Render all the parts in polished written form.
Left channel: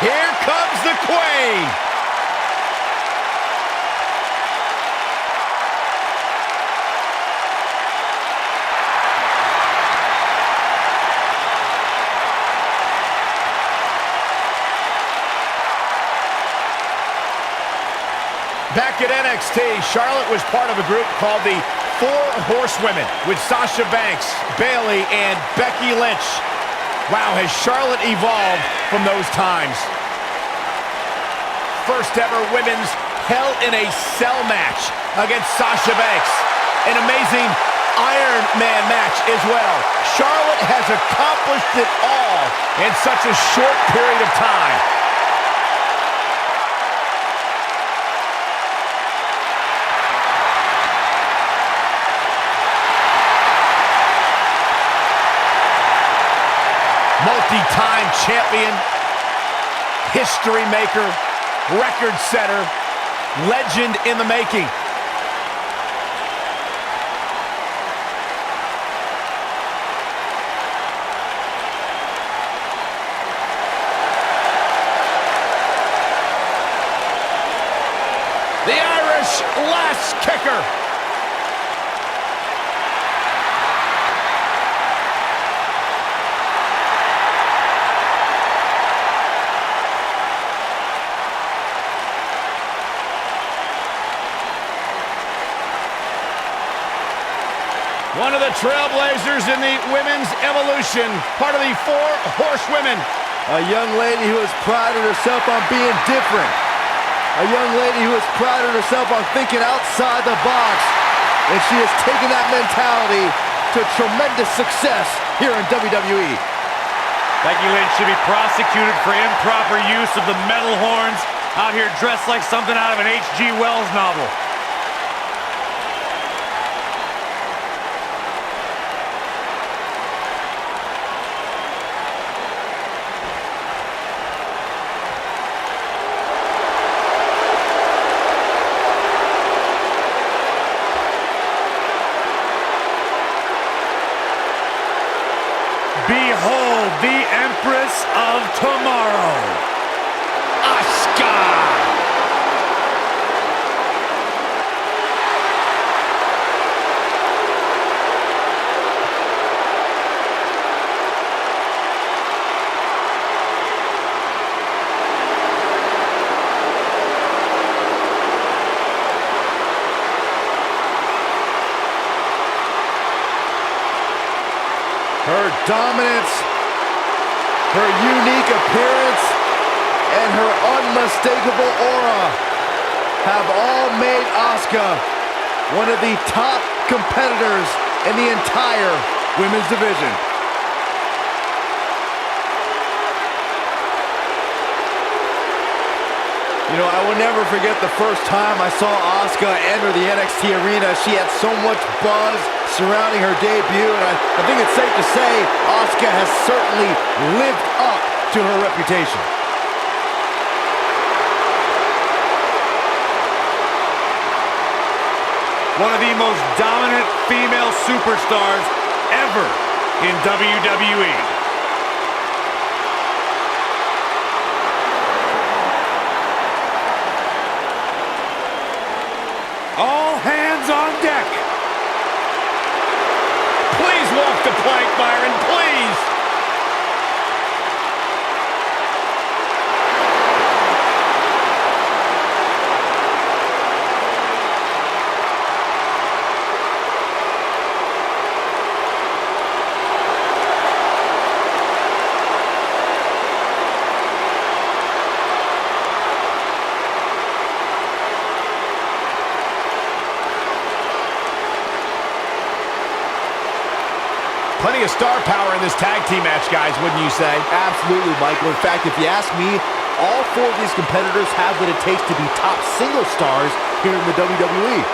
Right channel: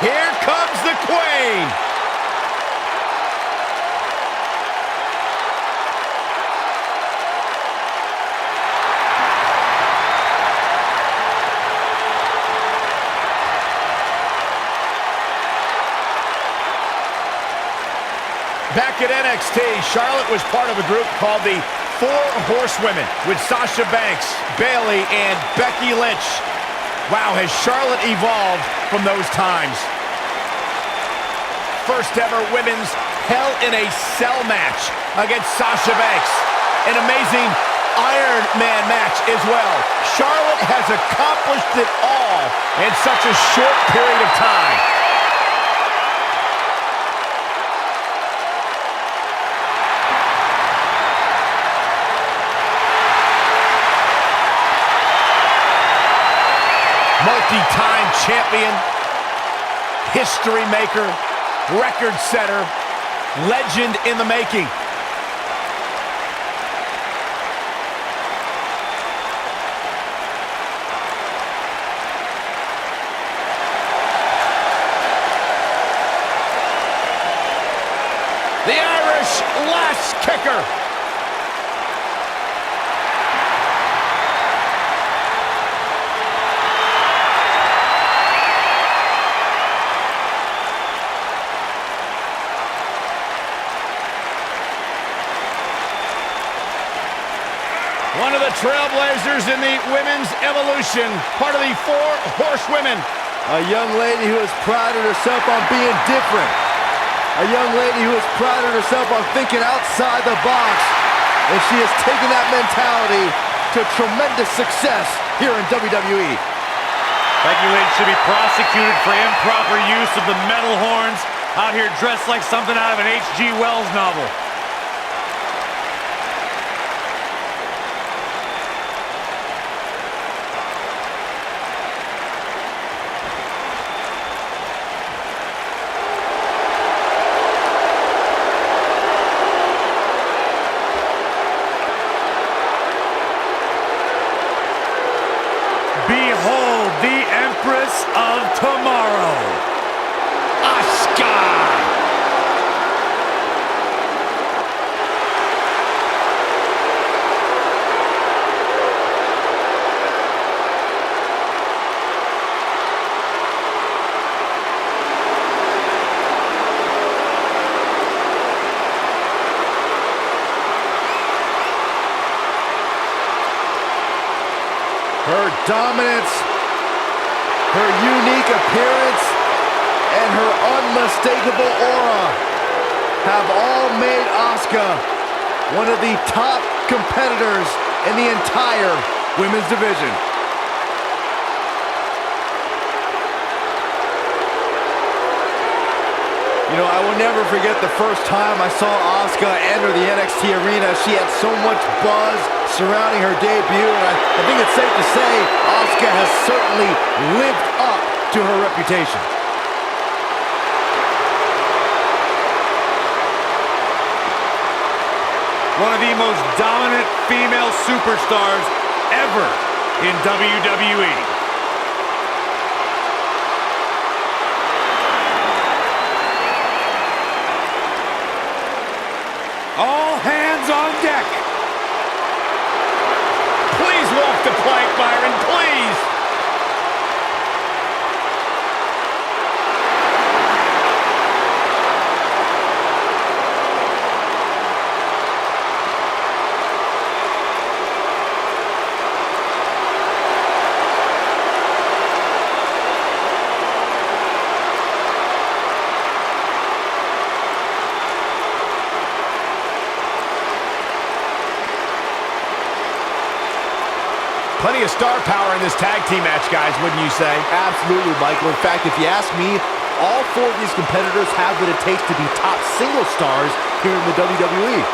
Here comes the Queen. Back at NXT, Charlotte was part of a group called the Horsewomen with Sasha Banks, Bayley, and Becky Lynch. Wow, has Charlotte evolved from those times. First ever women's Hell in a Cell match against Sasha Banks. An amazing Iron Man match as well. Charlotte has accomplished it all in such a short period of time. Multi-time champion, history maker, record setter, legend in the making. The Irish last kicker. One of the trailblazers in the women's evolution, part of the Horsewomen. A young lady who has prided herself on being different. A young lady who has prided herself on thinking outside the box. And she has taken that mentality to tremendous success here in WWE. Becky Lynch should be prosecuted for improper use of the metal horns, out here dressed like something out of an H.G. Wells novel. Behold the Empress of Tomorrow, Asuka! Her dominance, her unique appearance, and her unmistakable aura have all made Asuka one of the top competitors in the entire women's division. You know, I will never forget the first time I saw Asuka enter the NXT arena. She had so much buzz surrounding her debut, and I think it's safe to say Asuka has certainly lived up to her reputation. one of the most dominant female superstars ever in WWE. All hands on deck. Please walk the plank, Byron, please. Plenty of star power in this tag team match, guys, wouldn't you say? Absolutely, Michael. In fact, if you ask me, all four of these competitors have what it takes to be top single stars here in the WWE.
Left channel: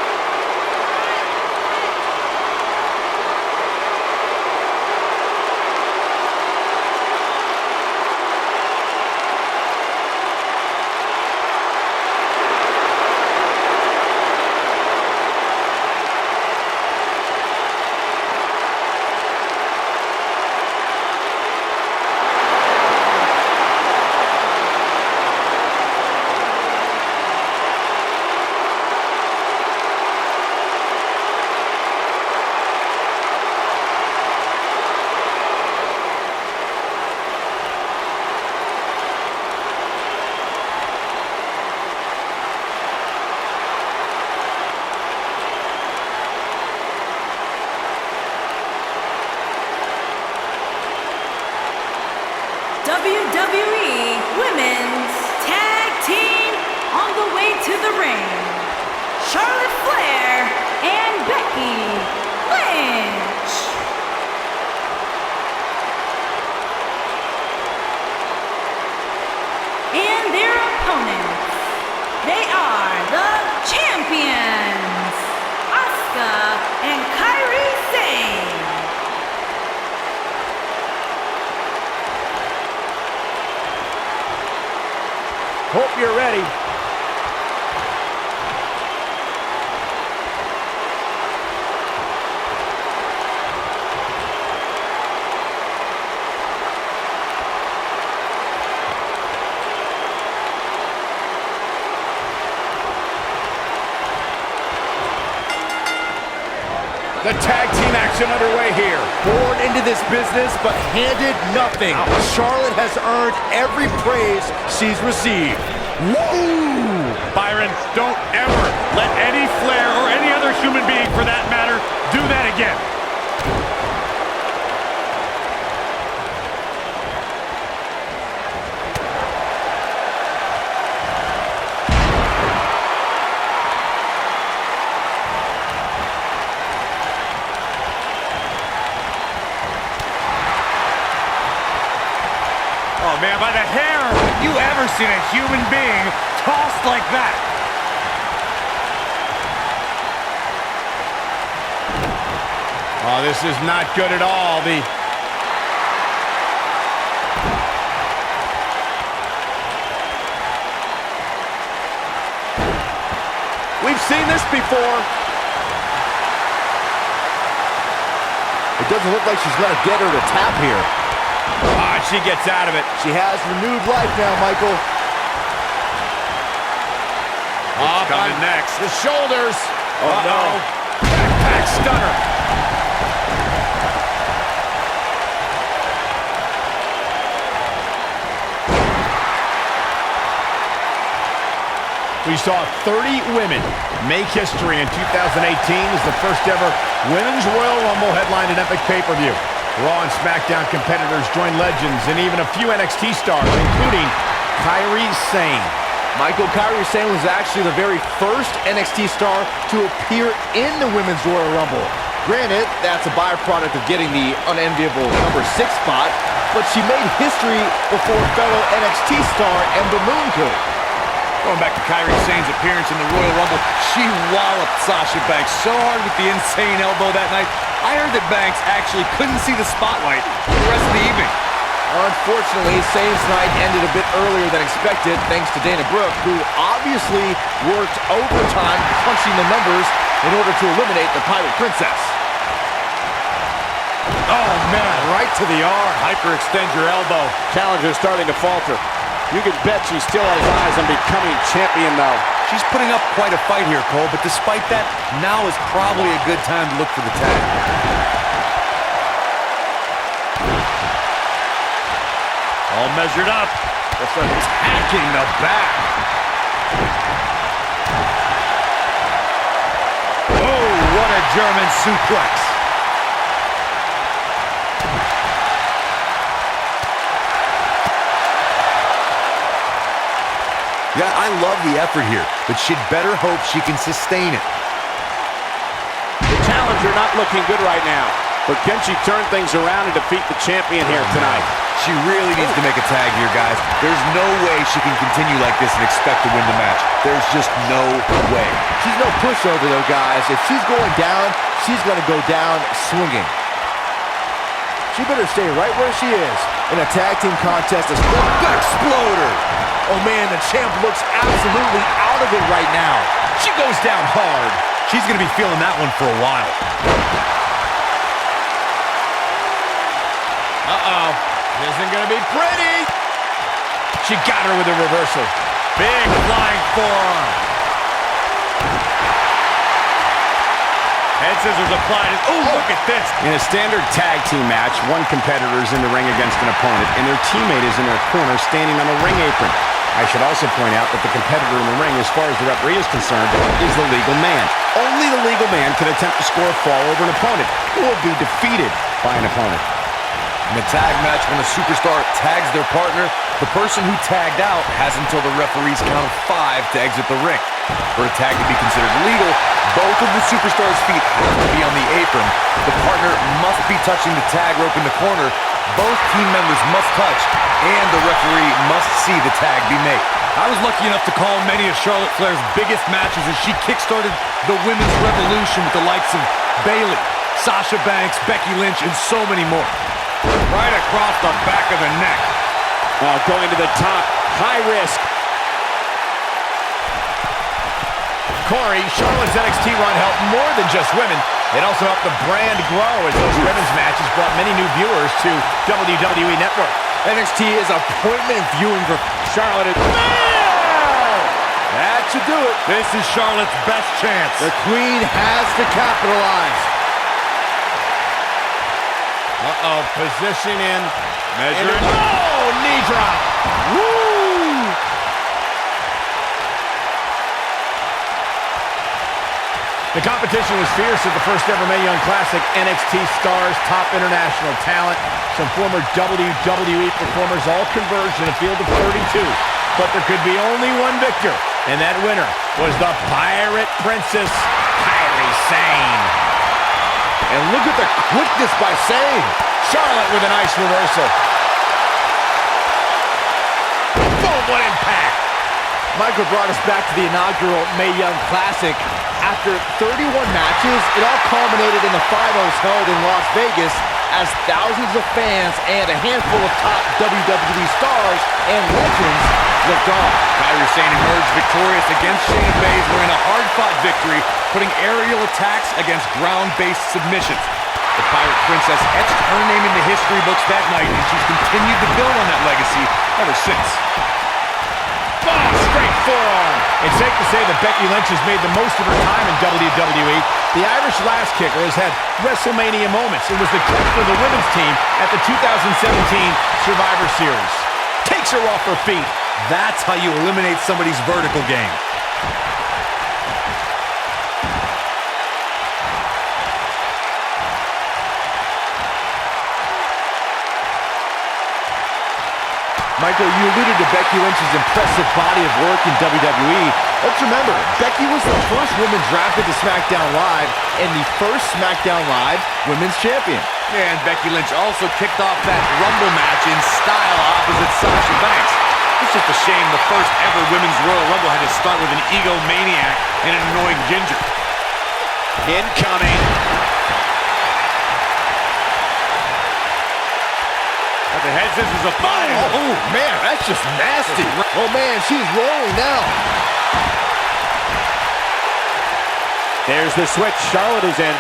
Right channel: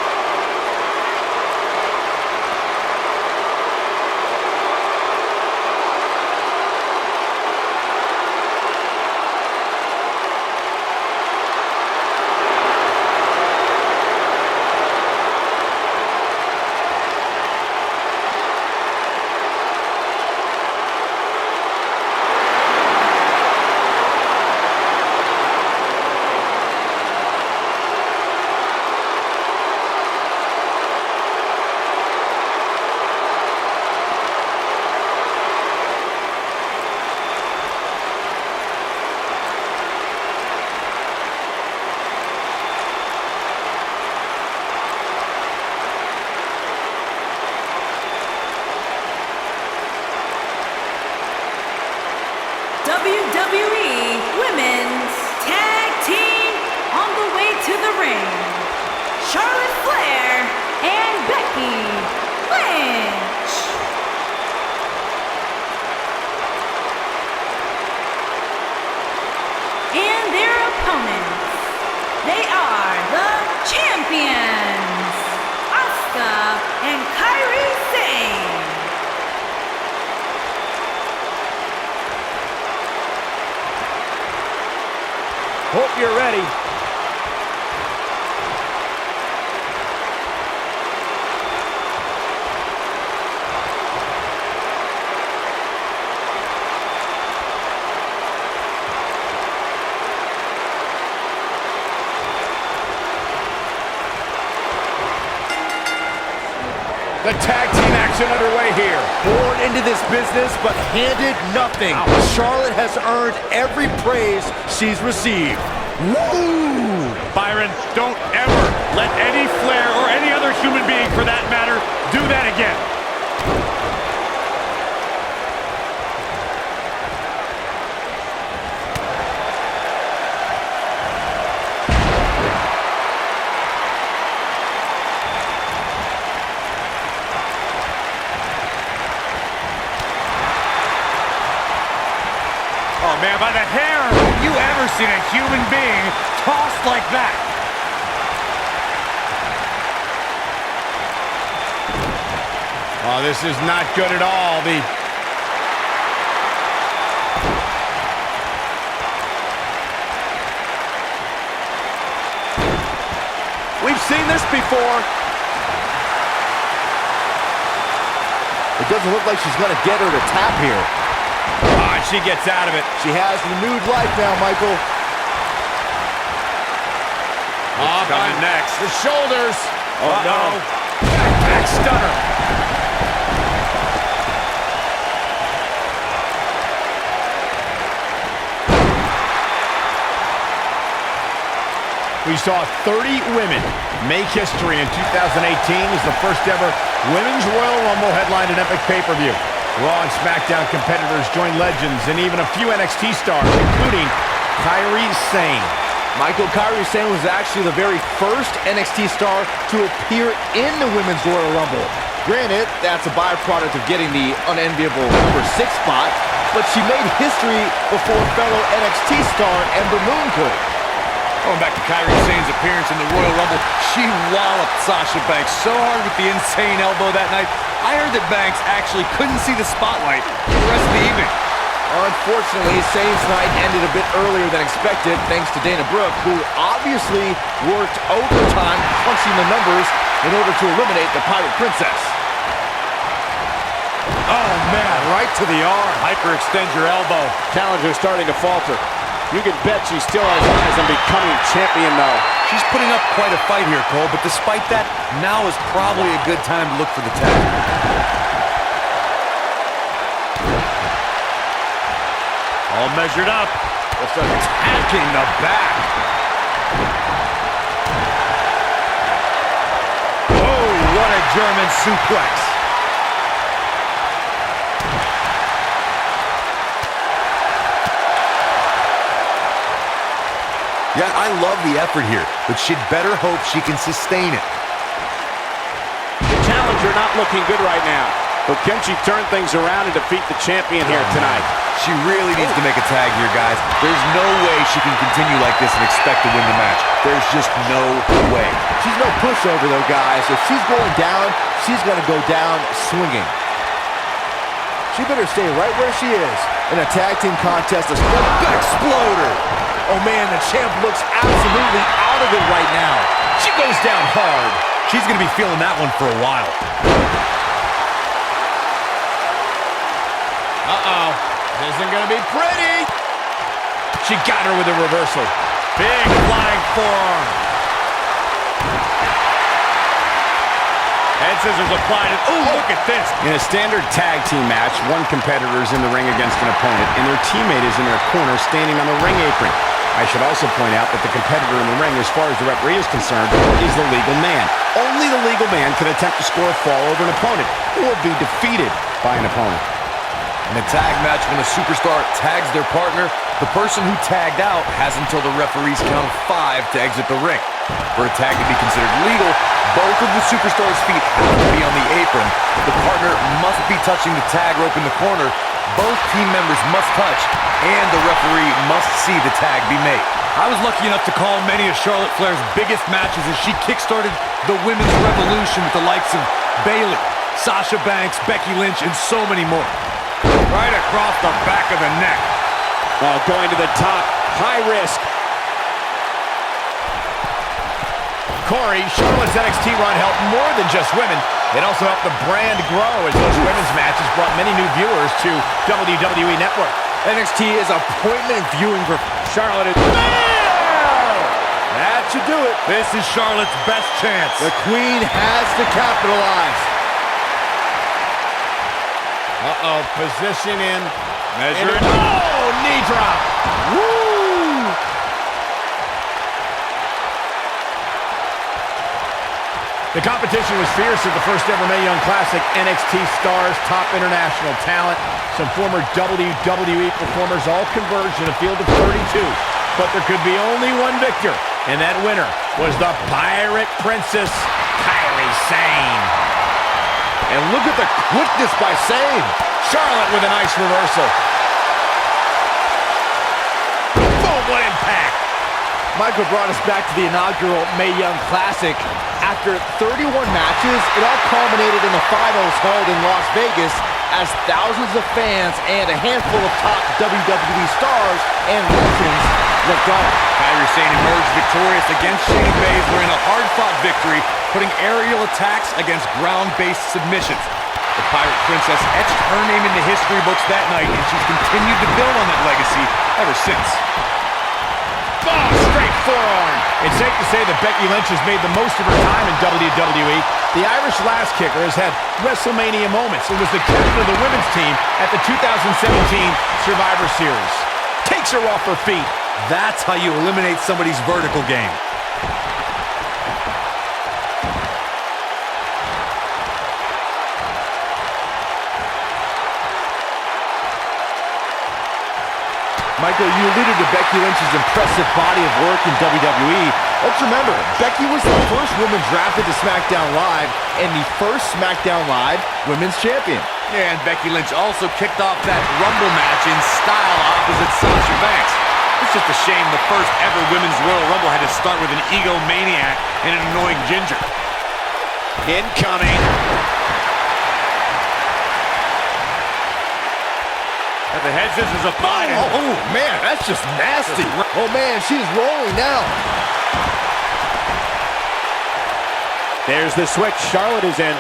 WWE Women's Tag Team on the way to the ring, Charlotte Flair and Becky Lynch. And their opponents, they are the champions, Asuka and Kairi Sane. Hope you're ready. The tag team action underway here. Born into this business, but handed nothing. Charlotte has earned every praise she's received. Woo! Byron, don't ever let any Flair or any other human being, for that matter, do that again. Oh, man, by the hair! Have you ever seen a human being tossed like that? Oh, this is not good at all. We've seen this before. It doesn't look like she's going to get her to tap here. Ah, she gets out of it. She has renewed life now, Michael. What's coming next? The shoulders. Oh, no. Backpack stunner. We saw 30 women make history in 2018 as the first ever Women's Royal Rumble headlined an epic pay-per-view. Raw and SmackDown competitors joined legends and even a few NXT stars, including Kairi Sane. Michael, Kairi Sane was actually the very first NXT star to appear in the Women's Royal Rumble. Granted, that's a byproduct of getting the unenviable number 6 spot, but she made history before fellow NXT star Ember Moon could. Going back to Kairi Sane's appearance in the Royal Rumble, she walloped Sasha Banks so hard with the insane elbow that night. I heard that Banks actually couldn't see the spotlight for the rest of the evening. Unfortunately, Sane's night ended a bit earlier than expected thanks to Dana Brooke, who obviously worked overtime punching the numbers in order to eliminate the Pirate Princess. Oh, man, right to the arm. Hyperextend your elbow. Challenger's starting to falter. You can bet she still has eyes on becoming champion, though. She's putting up quite a fight here, Cole, but despite that, now is probably a good time to look for the tag. All measured up. Just attacking the back. Oh, what a German suplex. Yeah, I love the effort here, but she'd better hope she can sustain it. The challenger not looking good right now. But can she turn things around and defeat the champion here tonight? She really needs to make a tag here, guys. There's no way she can continue like this and expect to win the match. There's just no way. She's no pushover, though, guys. If she's going down, she's going to go down swinging. She better stay right where she is in a tag team contest. The Exploder! Oh, man, the champ looks absolutely out of it right now. She goes down hard. She's going to be feeling that one for a while. Uh-oh. This isn't going to be pretty. She got her with a reversal. Big flying forearm. Head scissors applied. Oh, look at this. In a standard tag team match, one competitor is in the ring against an opponent, and their teammate is in their corner standing on the ring apron. I should also point out that the competitor in the ring, as far as the referee is concerned, is the legal man. Only the legal man can attempt to score a fall over an opponent or be defeated by an opponent. In a tag match, when a superstar tags their partner, the person who tagged out has until the referee's count of 5 to exit the ring. For a tag to be considered legal, both of the superstars' feet have to be on the apron. The partner must be touching the tag rope in the corner. Both team members must touch, and the referee must see the tag be made. I was lucky enough to call many of Charlotte Flair's biggest matches as she kickstarted the women's revolution with the likes of Bayley, Sasha Banks, Becky Lynch, and so many more. Right across the back of the neck. Oh, going to the top. High risk. Corey, Charlotte's NXT run helped more than just women. It also helped the brand grow as those women's matches brought many new viewers to WWE Network. NXT is appointment viewing for Charlotte. That should do it. This is Charlotte's best chance. The Queen has to capitalize. Uh-oh, position in. Measured. Oh, knee drop. Woo! The competition was fierce at the first ever Mae Young Classic. NXT stars, top international talent, some former WWE performers all converged in a field of 32. But there could be only one victor, and that winner was the Pirate Princess, Kairi Sane. And look at the quickness by Sane. Charlotte with a nice reversal. Boom, what impact. Michael brought us back to the inaugural Mae Young Classic. After 31 matches, it all culminated in the finals held in Las Vegas as thousands of fans and a handful of top WWE stars and legends looked on. Kairi Sane emerged victorious against Shayna Baszler in a hard-fought victory, putting aerial attacks against ground-based submissions. The Pirate Princess etched her name in the history books that night, and she's continued to build on that legacy ever since. Oh, straight forearm. It's safe to say that Becky Lynch has made the most of her time in WWE. The Irish Lass Kicker has had WrestleMania moments. It was the captain of the women's team at the 2017 Survivor Series. Takes her off her feet. That's how you eliminate somebody's vertical game. Michael, you alluded to Becky Lynch's impressive body of work in WWE. Let's remember, Becky was the first woman drafted to SmackDown Live and the first SmackDown Live Women's Champion. And Becky Lynch also kicked off that Rumble match in style opposite Sasha Banks. It's just a shame the first ever Women's Royal Rumble had to start with an egomaniac and an annoying ginger. Incoming. At the head scissors of fire. Oh, man, that's just nasty. Oh, man, she's rolling now. There's the switch. Charlotte is in.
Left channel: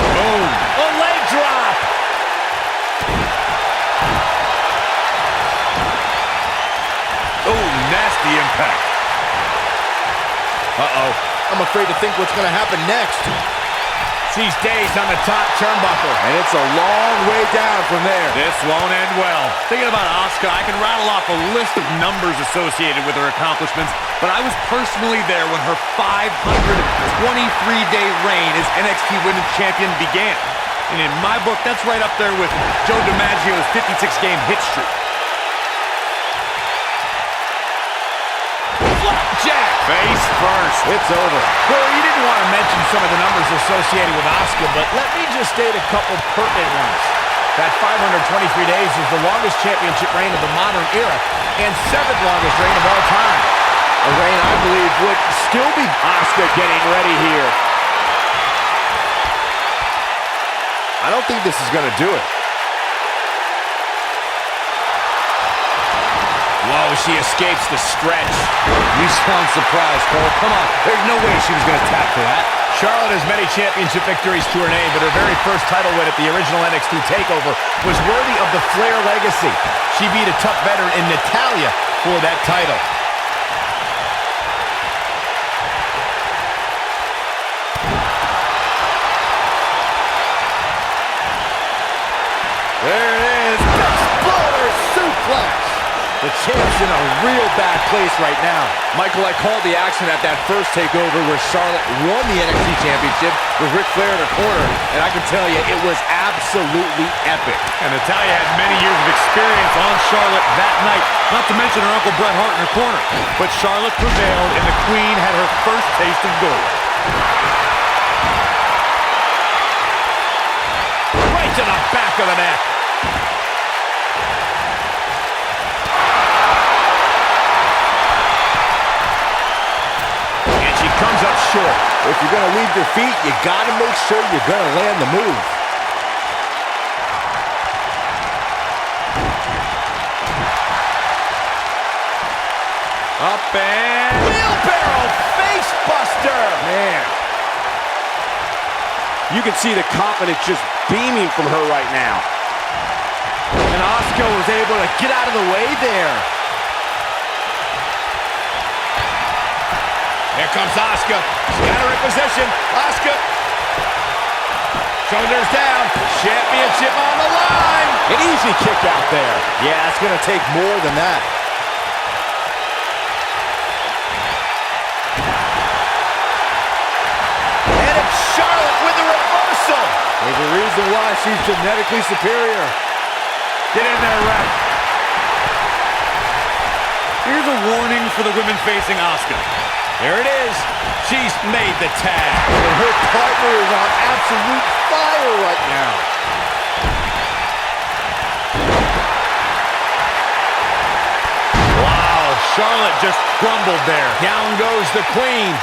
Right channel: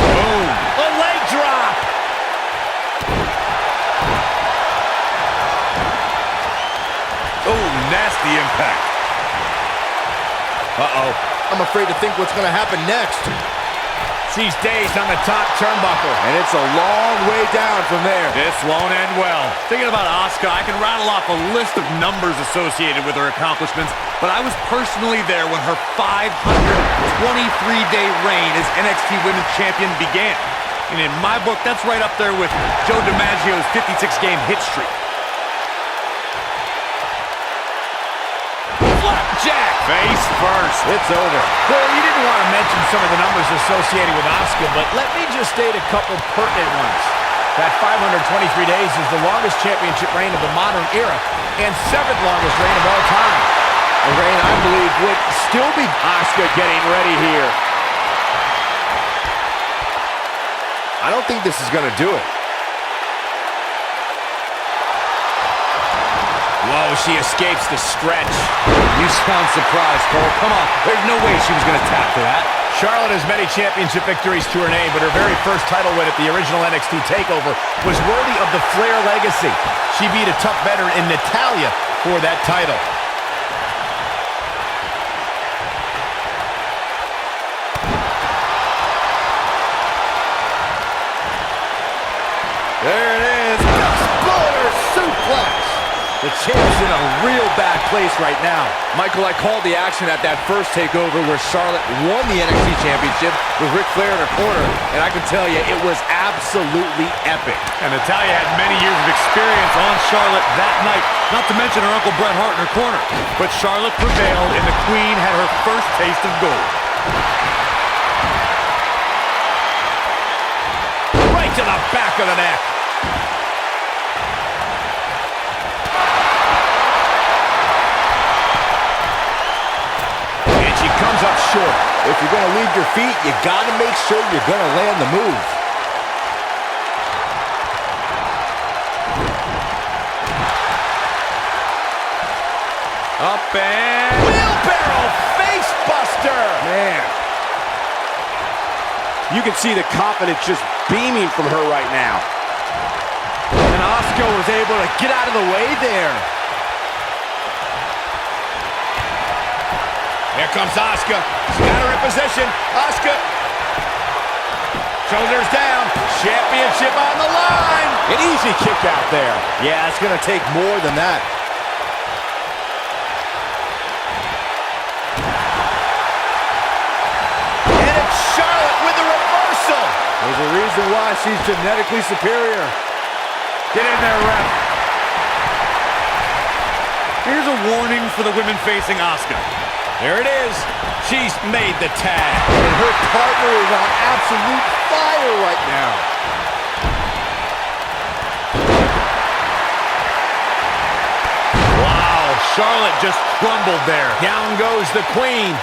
Boom. A leg drop. Oh, nasty impact. Uh-oh. I'm afraid to think what's going to happen next. She's dazed on the top turnbuckle. And it's a long way down from there. This won't end well. Thinking about Asuka, I can rattle off a list of numbers associated with her accomplishments, but I was personally there when her 523-day reign as NXT Women's Champion began. And in my book, that's right up there with Joe DiMaggio's 56-game hit streak. Flapjack. Face first. It's over. Corey, you didn't want to mention some of the numbers associated with Asuka, but let me just state a couple pertinent ones. That 523 days is the longest championship reign of the modern era and 7th longest reign of all time. A reign I believe would still be... Asuka getting ready here. I don't think this is going to do it. Whoa, she escapes the stretch. You sound surprised, Cole. Come on. There's no way she was going to tap to that. Charlotte has many championship victories to her name, but her very first title win at the original NXT TakeOver was worthy of the Flair legacy. She beat a tough veteran in Natalya for that title. There it is. Exploder suplex. The champ's in a real bad place right now. Michael, I called the action at that first takeover where Charlotte won the NXT Championship with Ric Flair in her corner, and I can tell you, it was absolutely epic. And Natalya had many years of experience on Charlotte that night, not to mention her Uncle Bret Hart in her corner. But Charlotte prevailed, and the Queen had her first taste of gold. Right to the back of the neck. She comes up short. If you're going to leave your feet, you got to make sure you're going to land the move. Up and... Wheelbarrow face buster. Man. You can see the confidence just beaming from her right now. And Asuka was able to get out of the way there. Here comes Asuka. She's got her in position. Asuka. Shoulders down. Championship on the line. An easy kick out there. Yeah, it's going to take more than that. And it's Charlotte with the reversal. There's a reason why she's genetically superior. Get in there, ref. Here's a warning for the women facing Asuka. There it is. She's made the tag. And her partner is on absolute fire right now. Wow, Charlotte just crumbled there. Down goes the Queen.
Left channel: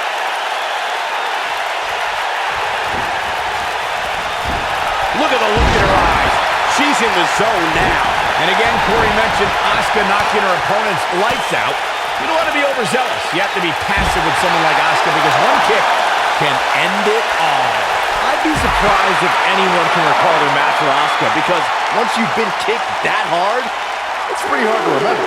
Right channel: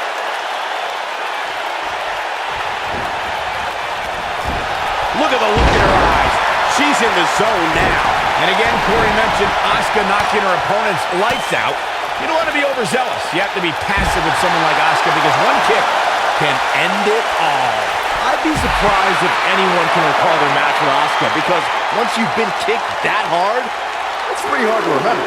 Look at the look in her eyes. She's in the zone now. And again, Corey mentioned Asuka knocking her opponent's lights out. You don't want to be overzealous. You have to be passive with someone like Asuka because one kick can end it all. I'd be surprised if anyone can recall their match with Asuka because once you've been kicked that hard, it's pretty hard to remember.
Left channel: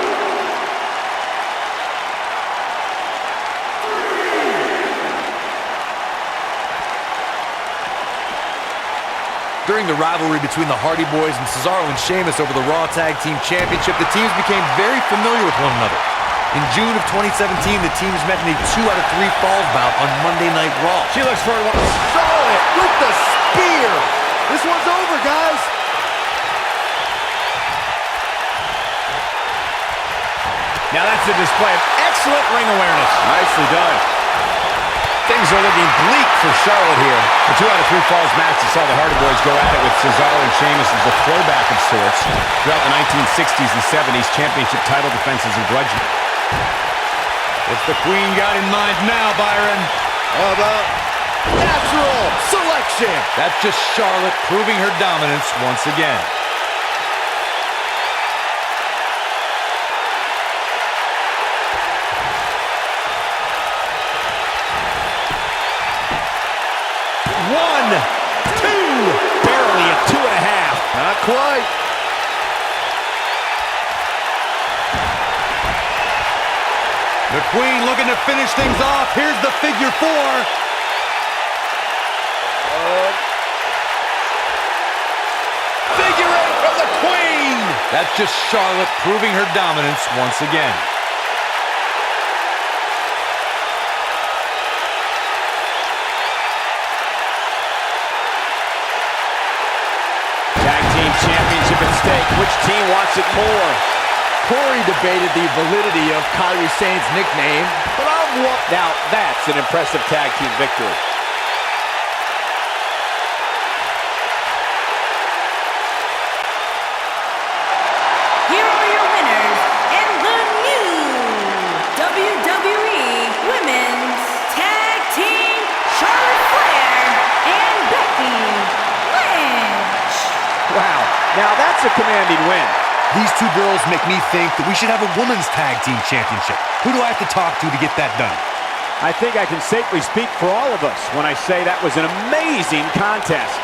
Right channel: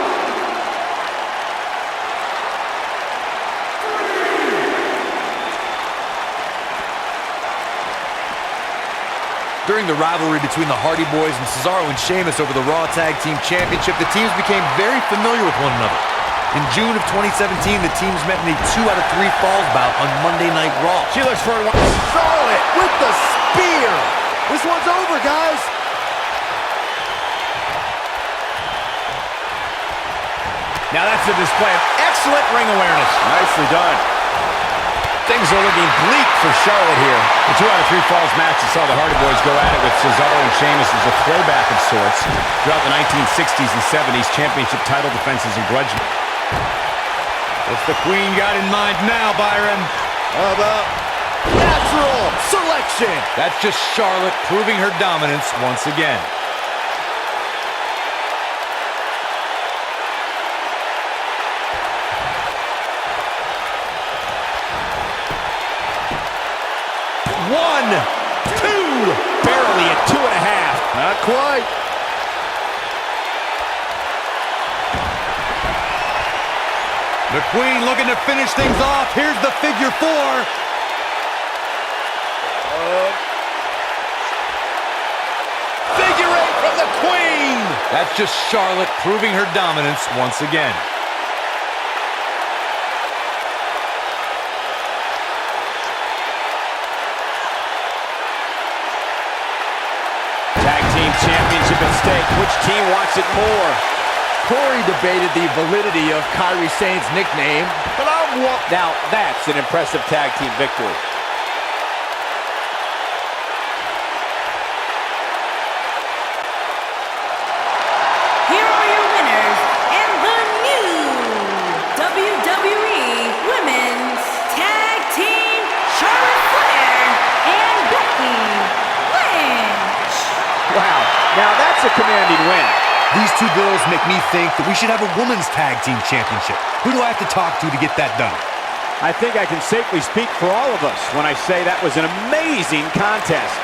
During the rivalry between the Hardy Boys and Cesaro and Sheamus over the Raw Tag Team Championship, the teams became very familiar with one another. In June of 2017, the teams met in a 2 out of 3 falls bout on Monday Night Raw. She looks for one. Charlotte with the spear. This one's over, guys. Now that's a display of excellent ring awareness. Nicely done. Things are looking bleak for Charlotte here. The 2 out of 3 falls match that saw the Hardy Boys go at it with Cesaro and Sheamus is a throwback of sorts. Throughout the 1960s and 70s, championship title defenses and grudge. What's the Queen got in mind now, Byron? How about natural selection? That's just Charlotte proving her dominance once again. One, two, barely a 2.5. Not quite. The Queen looking to finish things off. Here's the figure 4. Figure 8 from the Queen. That's just Charlotte proving her dominance once again. Tag team championship at stake. Which team wants it more? Corey debated the validity of Kairi Sane's nickname, but I'm one. Now that's an impressive tag team victory. Here are your winners and the new WWE Women's Tag Team, Charlotte Flair and Becky Lynch. Wow, now that's a commanding win. These two girls make me think that we should have a women's tag team championship. Who do I have to talk to get that done? I think I can safely speak for all of us when I say that was an amazing contest.